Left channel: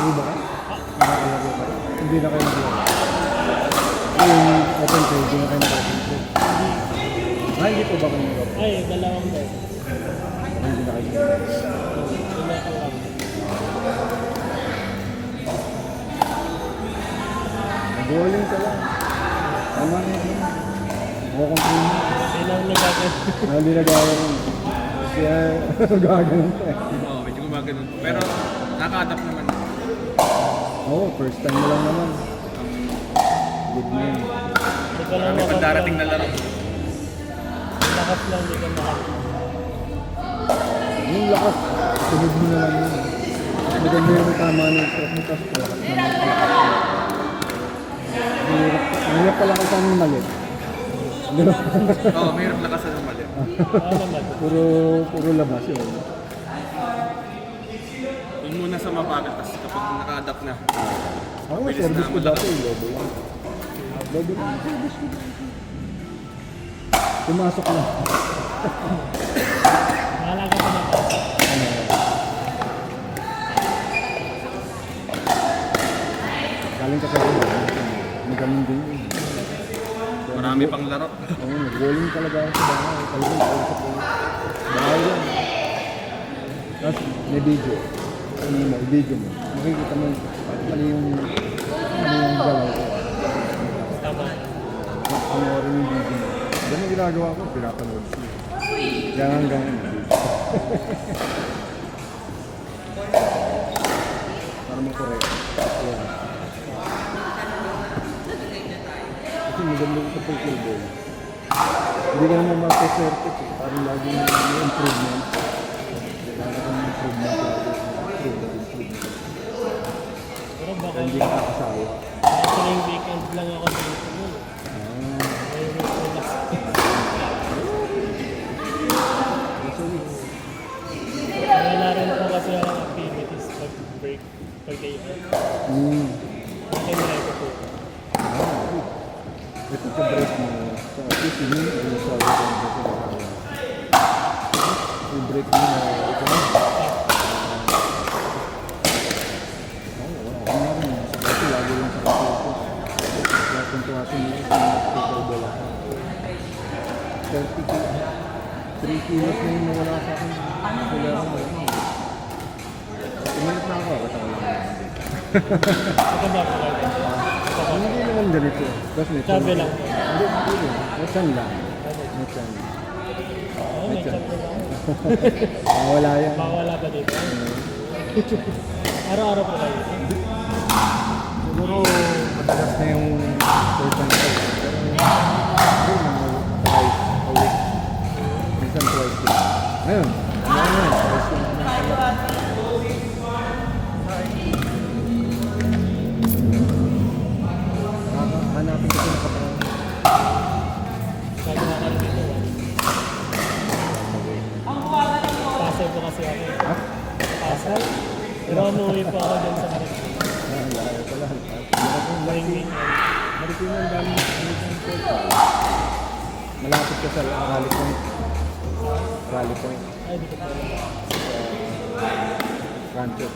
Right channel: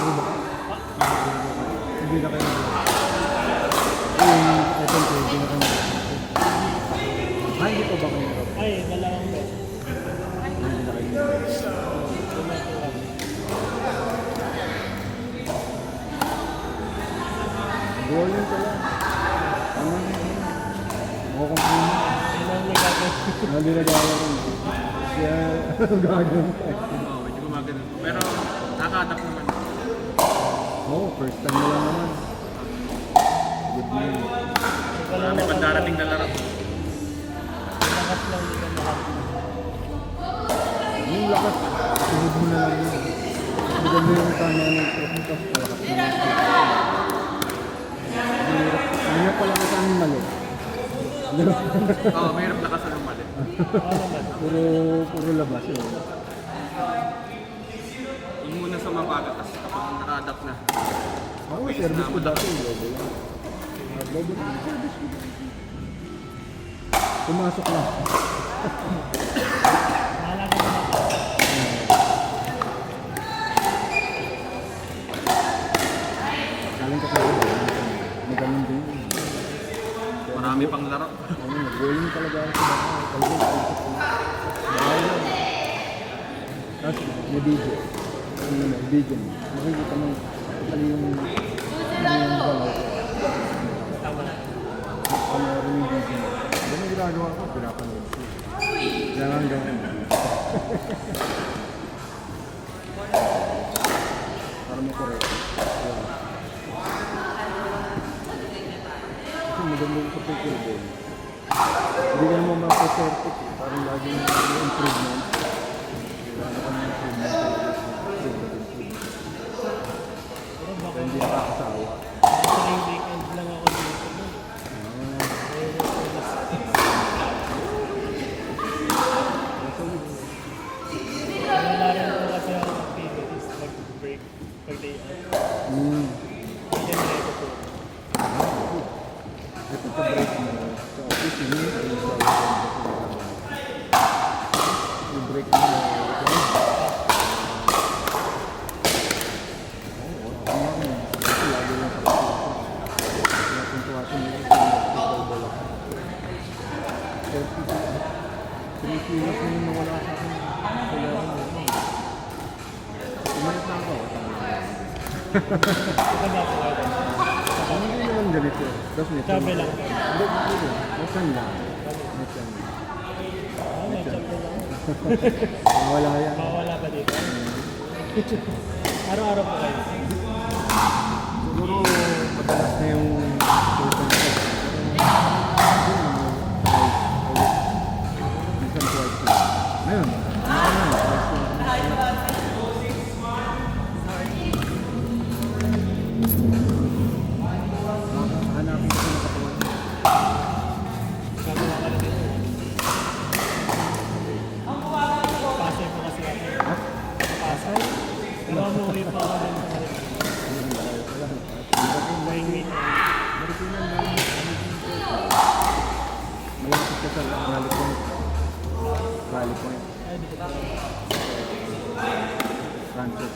Nakakalaro ba ka? Nakakalaro ka? Hindi na kayo nakakalaro. Yung open field, hindi na kayo nakakalaro. Hindi pa ba kayo nakakalaro? Ay, dalawang ba? Hindi na kayo nakakalaro. Bowling ka lang. Tama na yun. Kukuntin mo. Kailangan na gagawin. Hindi na gagawin. Kaya gagawin ka. Oo, medyo gumagano. Pero nakaka-adapt naman. Oo, first time mo lang naman. Good na yun. Hindi ka lang May pagdarating na laro. lakas lang, hindi ka makakita. Yung lakas, sunod mo na lang yun. Sunod mo yung tama ng stress mo, tapos malakas na yun. Mahirap pala kung saan yung mali. Oo, mayroon lakas na mali. Puro labas yun. Yung muna sa mabagal, tapos kapag naka-adapt na. Ako, service ko dati, lobo lang. Lobo lang, service ko. Pumasok na. Mahalaga ko na pa. Galing ka sa ulo. Magaling din yun. Marami pang laro. Oo, nag-rolling talaga ako sa bahay. Talagang kausap ko. Bahay lang. Tapos may video. May video mo. Makikita mo ano yung galaw ko. Tama. Ano rin yung video mo. Ganun ang ginagawa ko. Pinapanood siya. Gangan. Para makorek. Yeah. Kasi maganda yung sa pagkilbol. Hindi ka naman mag-perfect. Parang lagi yung improvement. Wala kang improvement lagi. Pero baka Hindi ka kasawa. sa weekend lang ako dito nun. Ay, relax. Wala rin ako kasi ang activities pag break, pag day off. Hindi na ito po. Ito pa break mo sa office yun. Yung break mo ito na. Kasi lagi lang sa kasi ito. Napuntuwasin mo sa nagpipagbola ka. 3 kilos na yung nawala sa akin. Wala ako. Tumanap na ako. Tama lang. Ito ba ako gagawin? Hindi naman ganito. Kasi Sabi lang. Hindi. Masan lang. Masan. Oo, may chat ko lang. Wala yan. Mawala ka dito. Araw-araw pa kayo. Siguro madalas na yung sultan ko. Minsan twice lang. Ngayon. Hanapin ko sa katawan. Gagawa ka rin dito. Pasay ko kasi ako. Ha? Pasay? Pero umuwi pa ako dun sa kanila. Ngayong weekend. Marikina ang dami. Malapit ka sa Rally Point. Rally Point. Ay, di ko pa rin. Rancho.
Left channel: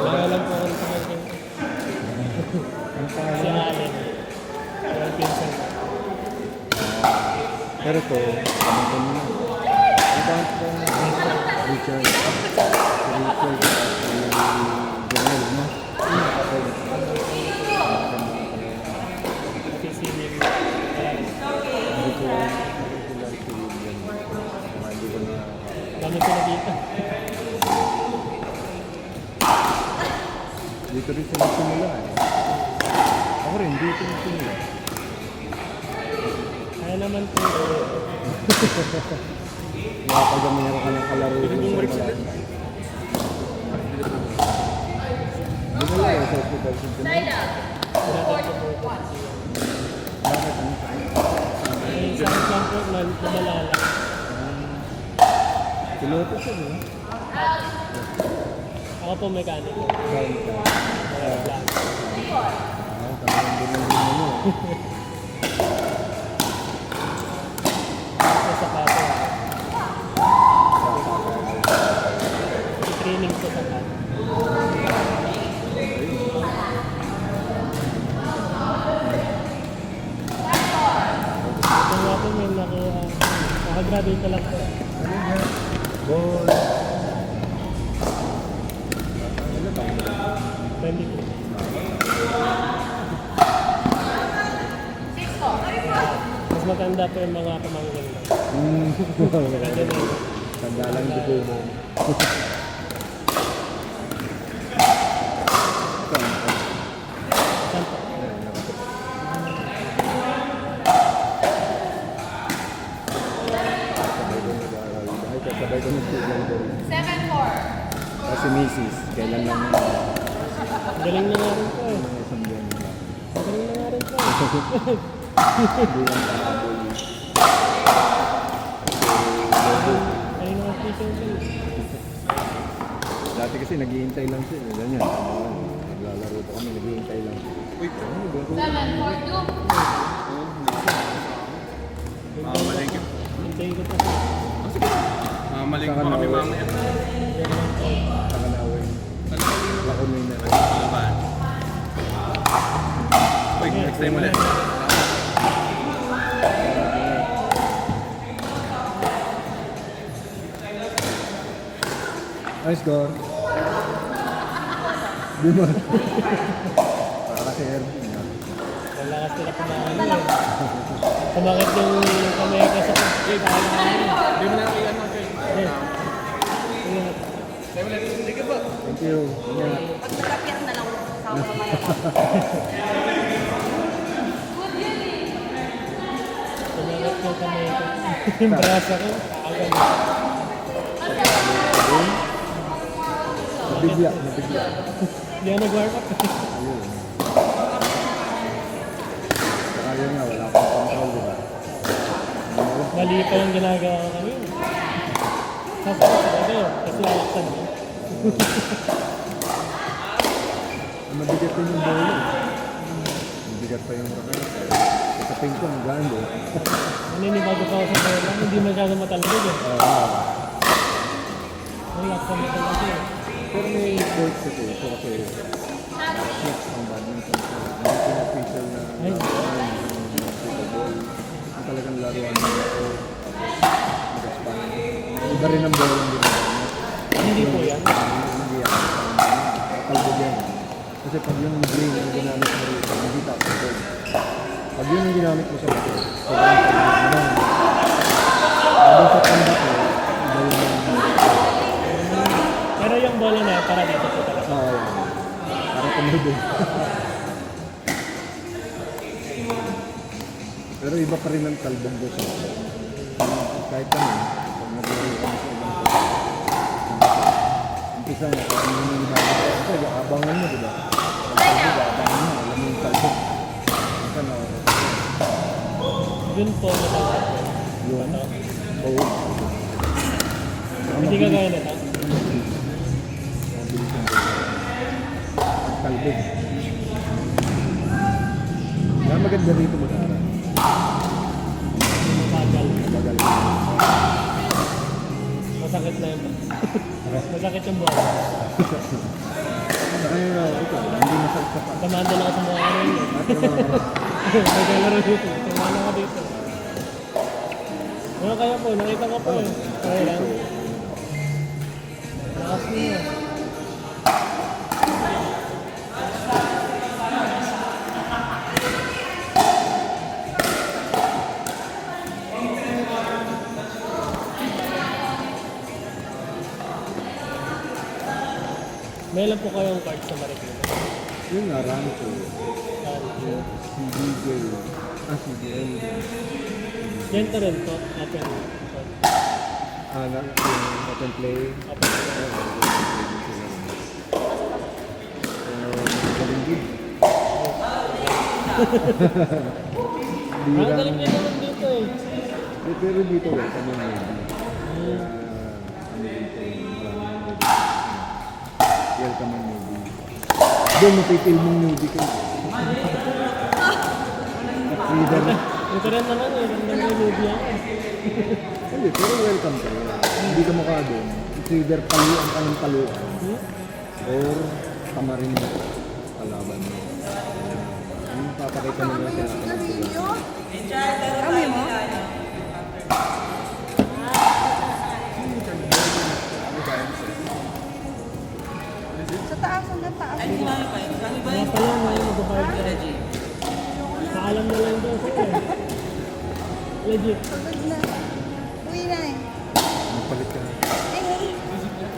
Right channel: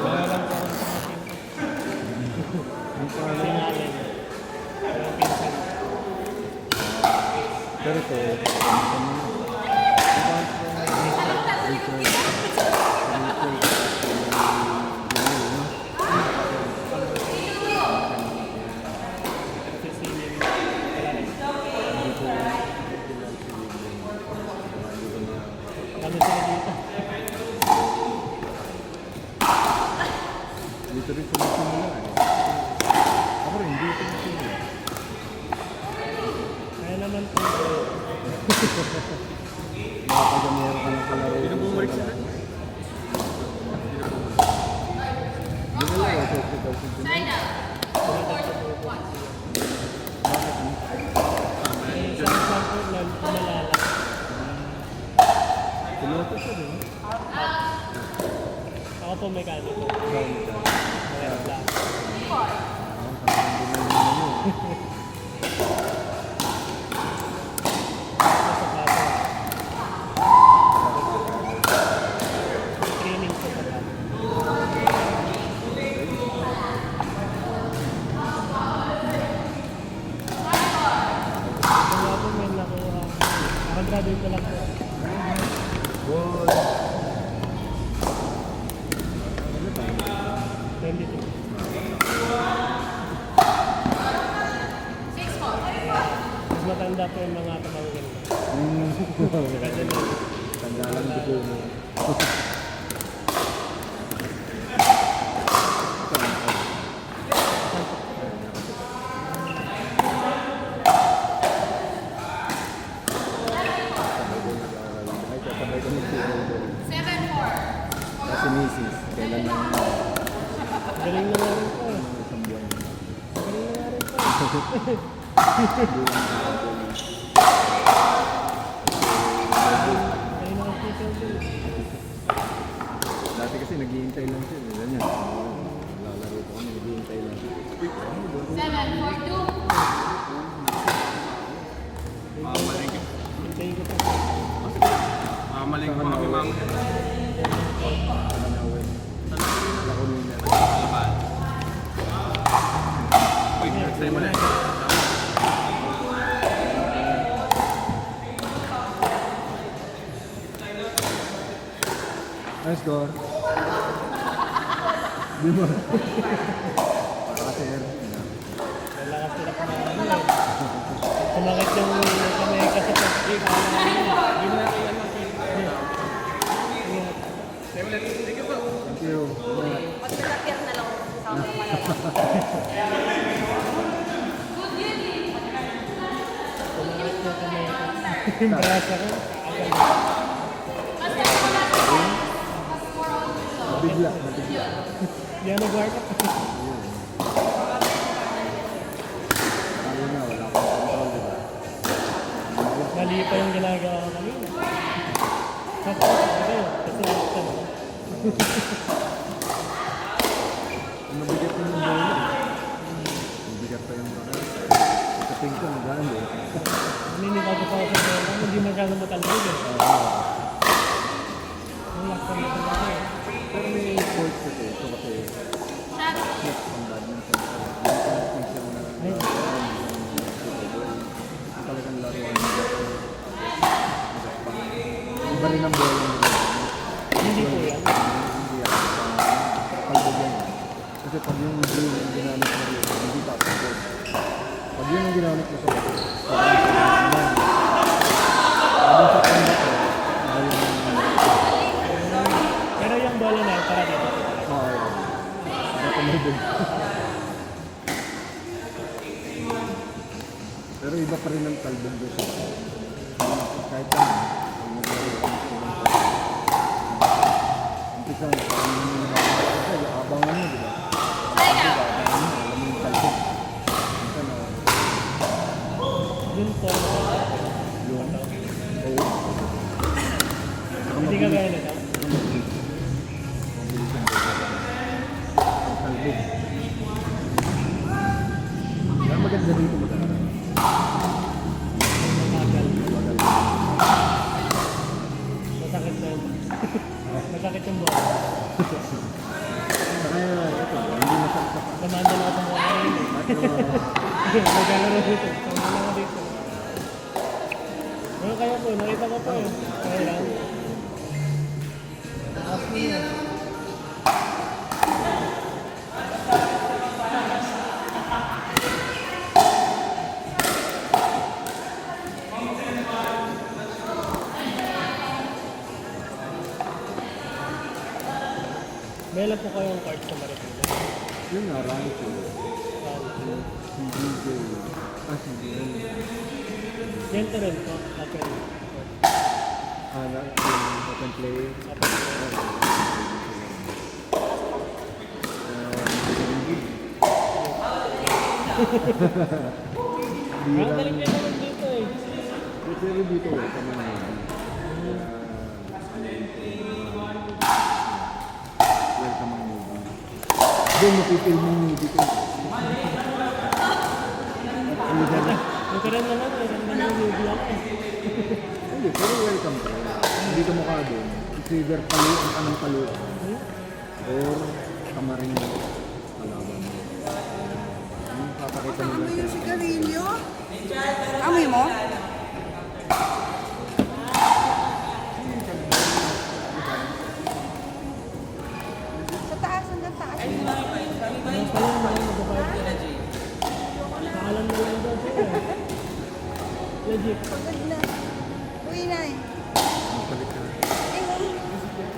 Wala lang po akong tumating. Ang Sa pangalan mo? amin. Walang pinsan. Pero to, ano ka nyo? Account ko na Rachel. Rachel. General, no? Sisilin. Hindi ko regular si William. Hindi ko na... Ano sila dito? Dito rin sila simula. Ako rin, dito rin simula. Kaya naman po. Nakapagamihan ko ng kalaro. Bumalik sila. Hindi ko lang, sa hospital si Jimmy. Bakit ano? Ay, saan po lumalala. Piloto siya, di ba? Ako po mekaniko. Brown ka. Kaya black. Parang hindi na yun ano. Sa sapato. Graduate ko lang po. Ball. Ano ba? 22. Mas matanda pa yung mga pamangkin ko. Maganda na yun. Tanda lang dugo mo. Sabay kami football. 7-4. Kasi misis, kailan lang yun. Galing na nga rin po eh. Mga isang buwan na. Galing na nga rin po. Hindi lang nakakabuli. Galing na nga po siya ulit. Dati kasi naghihintay lang siya. Ganyan. Naglalaro pa kami, naghihintay lang. Uy, ano ba? 7-4-2. Hintayin ko to. Mamaling pa kami mamaya. Kamanawin. Lako nila. Uy, next time ulit. Nice goal. Di mo. Kasi Lalakas sila kumain eh. Kumakit yung kamay ka sa pag-break. Yun na, ilan na. thank you. Magpalapyan na lang sa mga Kumakit yung kamay ko. Yung brasa ko. Agad. Nabigla, nabigla. Hindi ako nag-warm up. Kaya nga, wala kang control, di ba? Mali pa yung ginagawa ko kanina. Tapos talaga yun. Kasi laksan mo. Mabigat ko yung bola. Mabigat pa yung rakas. Sa ping ko, magaan doon. Naninibago pa ako sa bola. Hindi masyado matalbog eh. Ang laksan mo talaga eh. Pero may sport ko to. So kasi, next ang badminton ko. May talagang laruan mo. Iba rin ang bola nila. Hindi po yan. Hindi yan. Kalbo yan. Kasi pag yung brain ang ginamit mo rito, hindi tapos yun. Pag yun ang ginamit mo sa bato, sobrang sobrang lang. Habang sa combat mo, iba yung Pero yung bola na para dito po talaga. para tumulog. Pero iba pa rin ang kalbong doon sa kahit kami, pag naglaro kami sa ibang place. Umpisa na, parang yun yung abangan mo, di ba? Pag kalbong, abangan mo, alam mo yung kalbong. Umpisa na, Yun po. yun. Oo. Hindi ka gaya nila. Mabilis ang kalbong. Kaya maganda rito mag-aaral. Tagal. Magal. Masakit na yun. Masakit yung bola. Ito, hindi masaksak. Kamanda lang ako sa mukha rin. May kalaro dito. Kamanda ako dito. Ano kaya po? Nakita ko po eh. Kaya lang. Lakas niya. May alam po kayong card sa Marikina. Yung marami ko. CDJ. CDN. Yan ka rin po. Akin. Yung second play. Ang galing niya naman dito eh. Pero dito wala kami welcome ang movie. Doon mapipil mong movie ko. Ito rin naman eh. Ang galing yung movie ako. Hindi, pero welcome ka. Hindi ka mukha doon. It's either paluan ka ng paluan or kamarin mo kalaban mo. Yung papakita mo Ano lang yung sa sigarilyo? Amoy mo? Kaya pala, may mag-party. Paalam na lang daw sa'yo. Legit. Pagod na. Uwi na eh. Magpalit ka na. Ayun.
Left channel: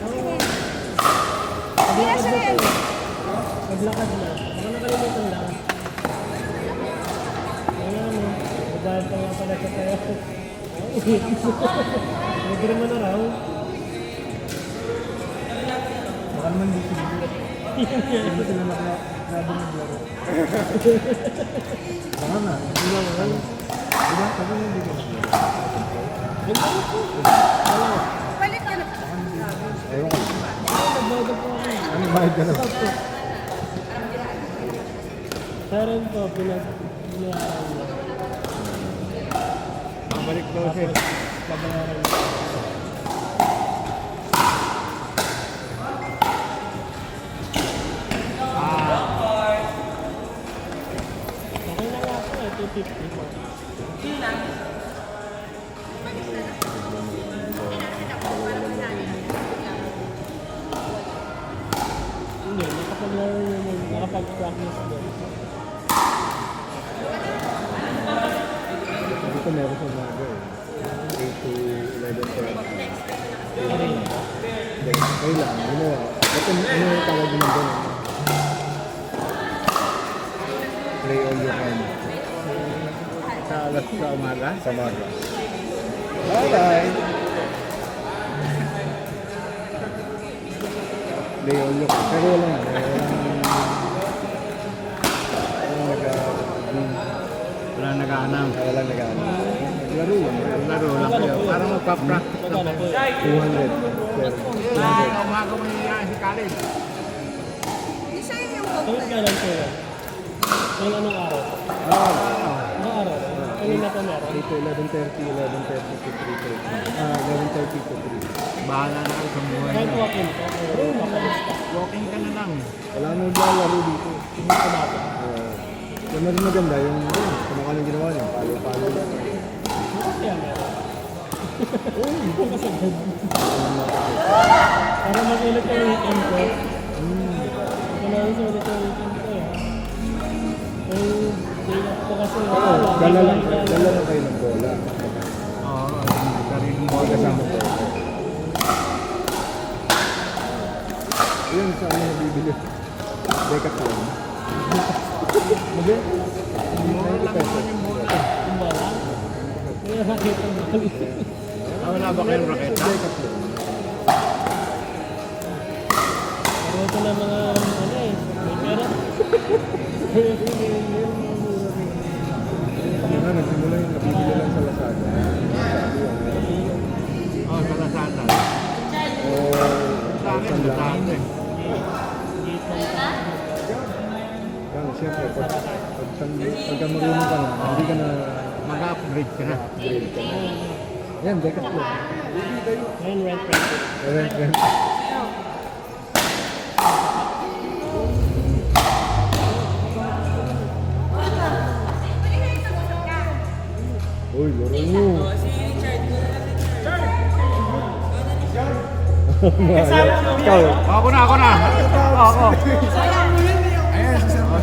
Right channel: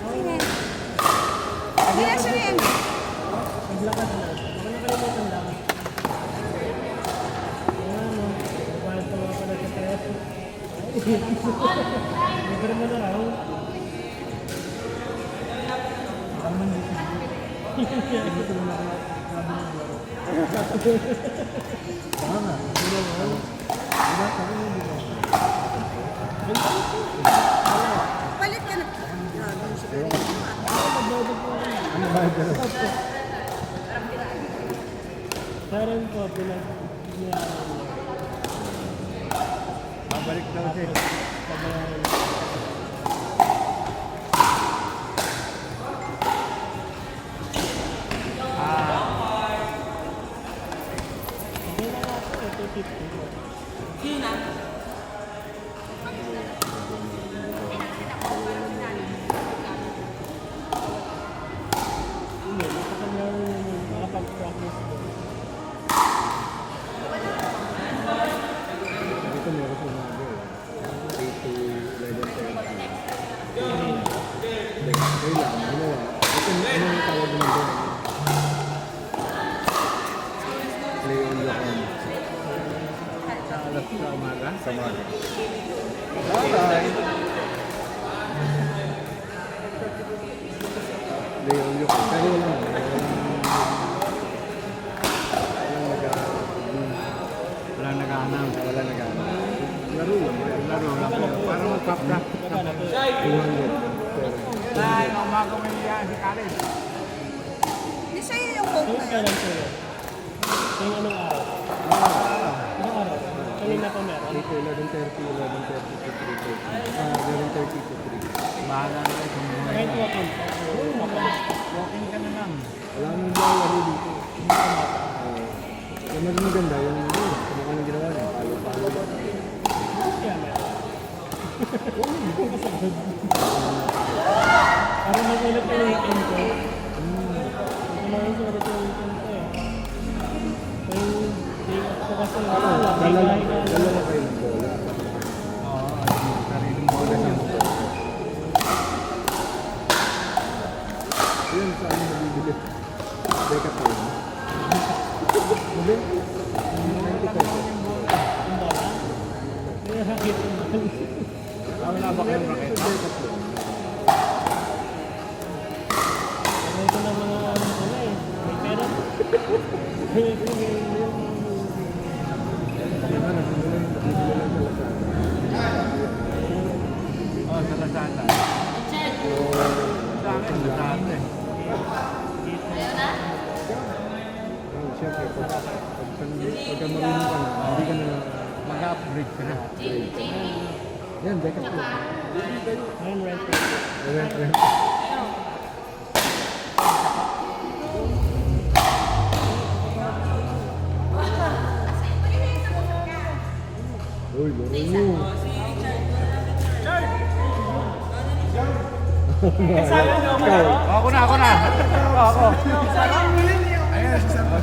Uwi na. Hindi na siya yan. Maglakad na. Baka nakalimutan lang. Ayan, magdahal pa nga pala sa tayo. Libre mo na raw. Baka naman dito. Dito na nakasabi ng laro. Baka nga. Hindi na yun. Diba? Baka nga dito. Balik ka na. Ayun. Magbayad po ako. Ano mahal ka na? Sa rin po, pinag... Babalik daw siya. Babayaran. Okay na lang po, 250. Hindi, nakapag-practice doon. Dito meron sa mga eh. 8 to 11 Hindi, kayo lang. Ginawa. Ito ano yung tawag mo doon? Play all your time. Sa alas sa umaga. Sa maga. Bye-bye! Play all your time. Pero walang Wala nag-aanang. walang nag-ano. Laro lang. Laro lang kayo. Parang magpa-practice ka. 200. Ay, umaga mo niya sa college. Hindi sa'yo yung book Kailan na yun. kailan sa'yo? Kaya anong araw? Anong araw? Kanina pa meron? 8 to 11:30, 11:30 to 3:30. 11:30 to 3. Bahala na kayo sa buhay Kahit mo. walk-in ka. Oo, makalis. Walking ka na lang. Wala nang lalaro dito. Hindi ka mata. Yung mas maganda yung kung ano ginawa niya, palo-palo lang. Kaya meron. Oo, hindi ka kasagod. Para mag-ulit ang weekend ko. Ito na rin sa ulit ang weekend ko eh. Eh, day off ko kasi. Dala lang kayo ng bola. Oo, sarili mo. Bola sa mga. Yun sa ano nabibili. Decathlon. Maganda. Mura lang naman yung bola. Yung bola? Hindi na nakita mo. Wala ba kayong raketa? Decathlon. Pero ito na mga ano eh. May pera. Ano, nagsimula yung nabibili lang sa Lazada. Oo, sa Lazada. O Sa akin, isang lahat. Lazada. Parang siyempre, pagka marunong ka na, hindi ka na Mag-upgrade ka na. upgrade ka na. Yan, Decathlon. Ngayon rent rent. Rent. Uy, laro nyo. Ikaw. Ako na. Ako.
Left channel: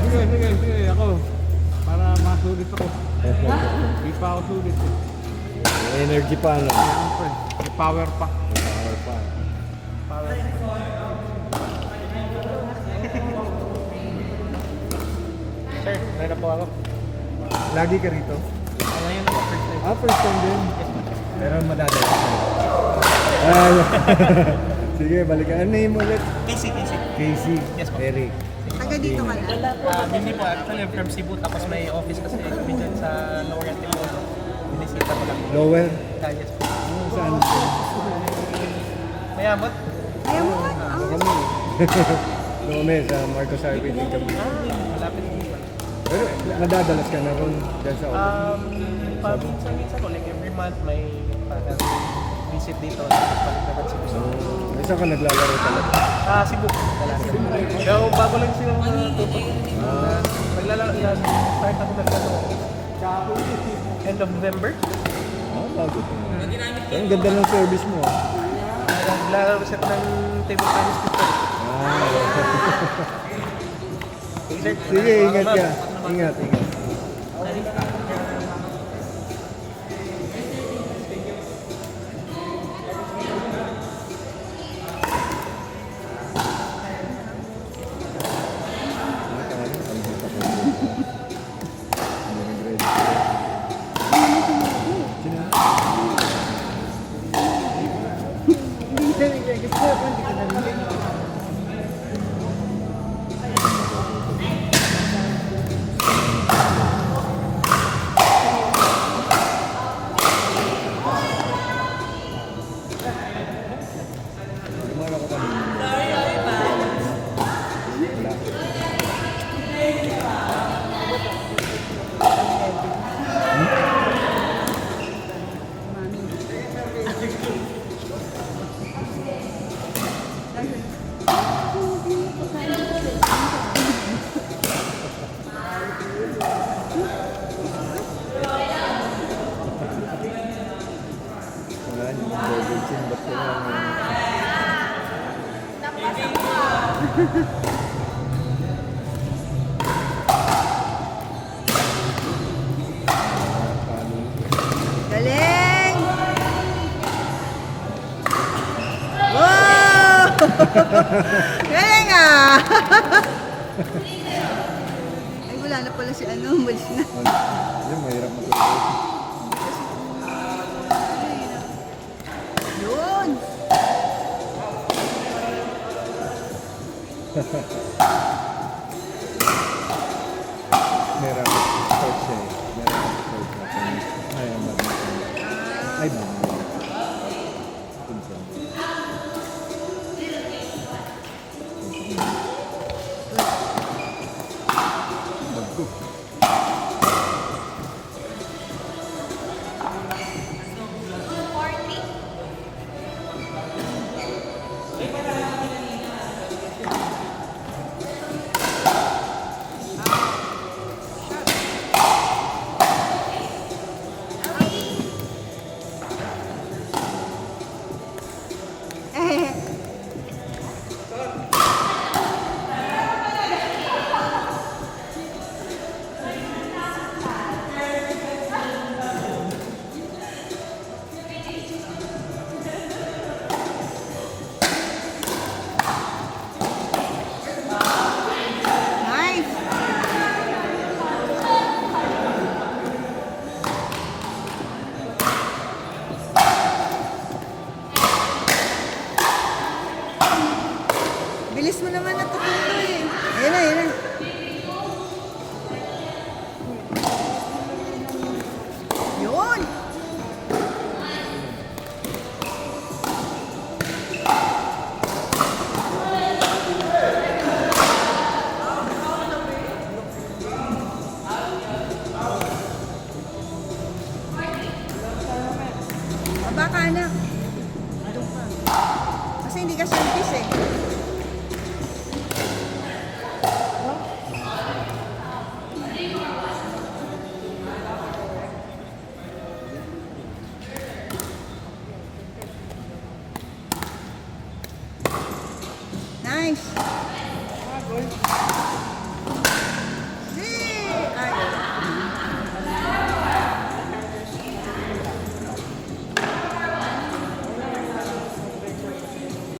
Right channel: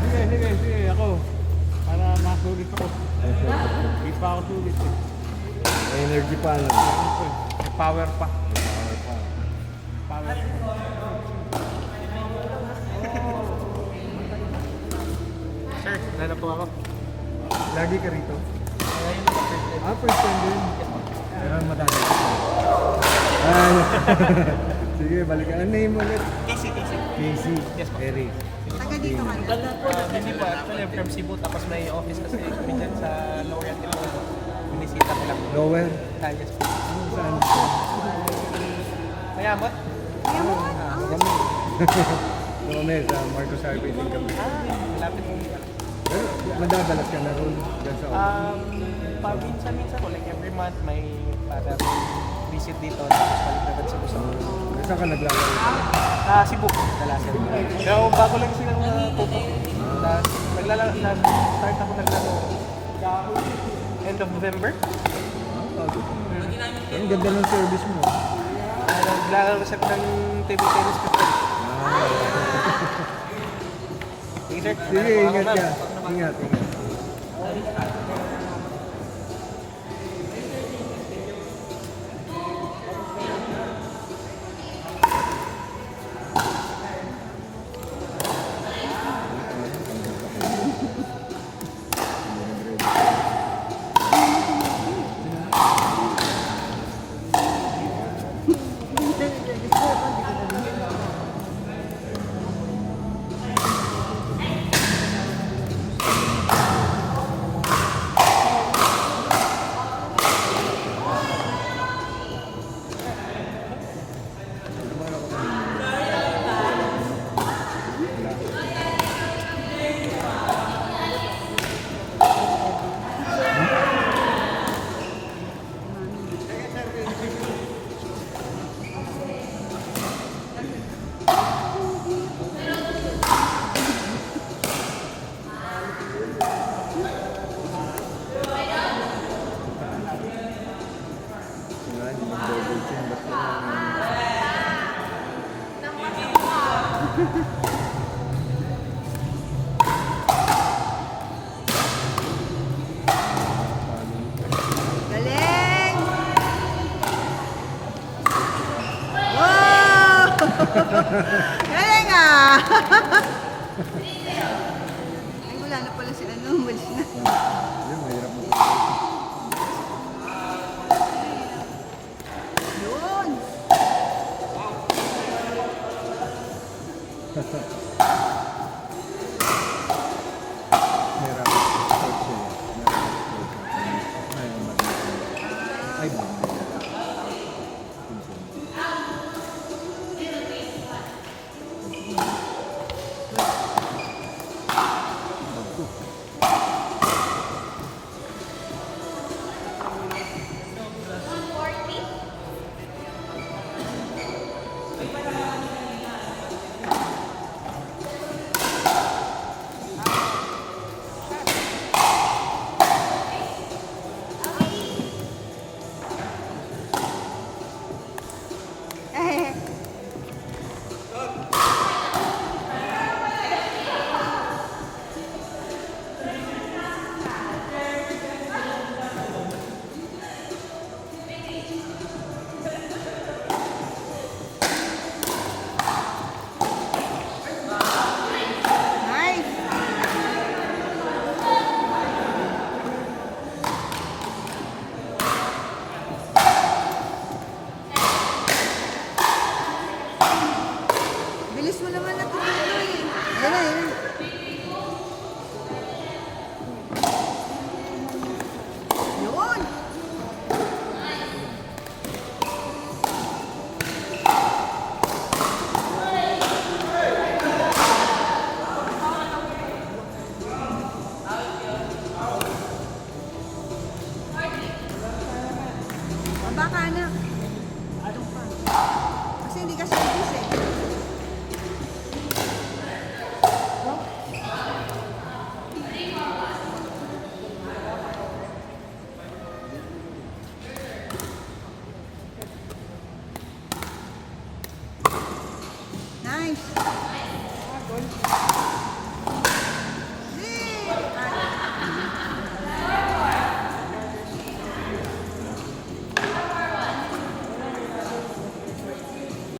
Sige. Ako. Para masulit ako. Hindi pa ako sulit eh. Energy pa ano. Yan po eh. May power pa. Power pa. Sir, nana po ako. Lagi ka rito? Ngayon po, first time. First time din. Yes po. Pero madadala ka. Ay. Sige, balikan. Ano name ulit? Casey. Casey. Yes, po. Eric. Taga dito ka. Hindi po, actually I'm from Cebu, tapos may office kasi kami dyan sa Lower Antipolo. Binisipa ko lang. Nowhere. Yes po. Saan? Mayamot? Ano kami? Ano kami sa Marcos Highway din kami. Malapit sa iba. Pero nadadalas ka na rin dyan sa Paminsan ko, like every month may parang visit dito. Tapos palipad Cebu sa Saan ka naglalaro talaga? Cebu. Pero bago lang silang tutok. Naglalaro yan. Start ako naglalaro. End of November. Bago. Ang ganda ng service mo. Naglalaro kasi ako ng table tennis ko. Sige, ingat ka. Ingat, ingat. Wala, hindi mag-double chin. Ba't kailangan? Napasok ka. Galing! Wow! Galing ah! Ay, wala na pala si ano, muli na. Ayun, mahirap mag-double. Yun! Mahirap mag-start siya eh. Mahirap mag-start natin. Ayaw mag-start. Ay, ba? Pinsan. Bagko. 40. Eh, nice! Bilis mo naman natututo eh. Ayun na, ayun na. Yun! Baba ka na. Kasi hindi ka service eh. Nice.